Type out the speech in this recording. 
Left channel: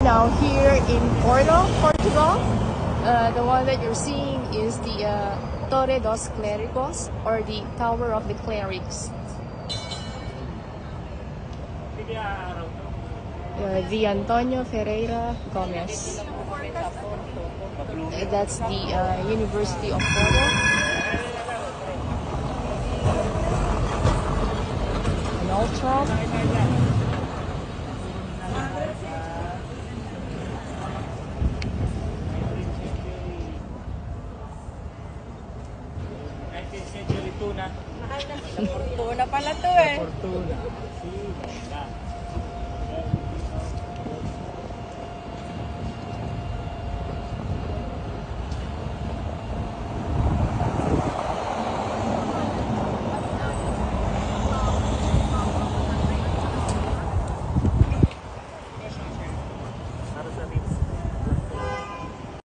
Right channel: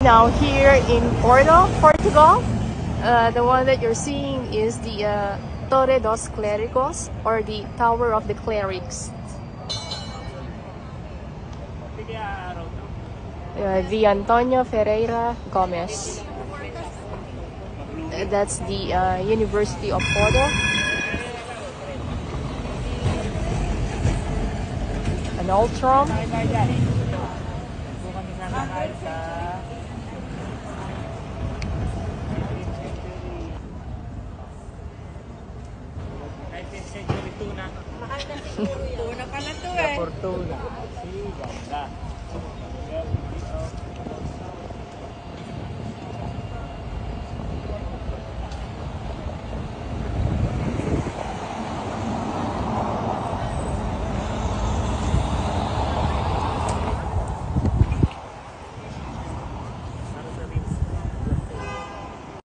Now here in Porto, Portugal, the one that you're seeing is the Torre dos Clérigos, or the Tower of the Clerics. The Antonio Ferreira Gomes. That's the University of Porto. An ultra. Una pala to eh.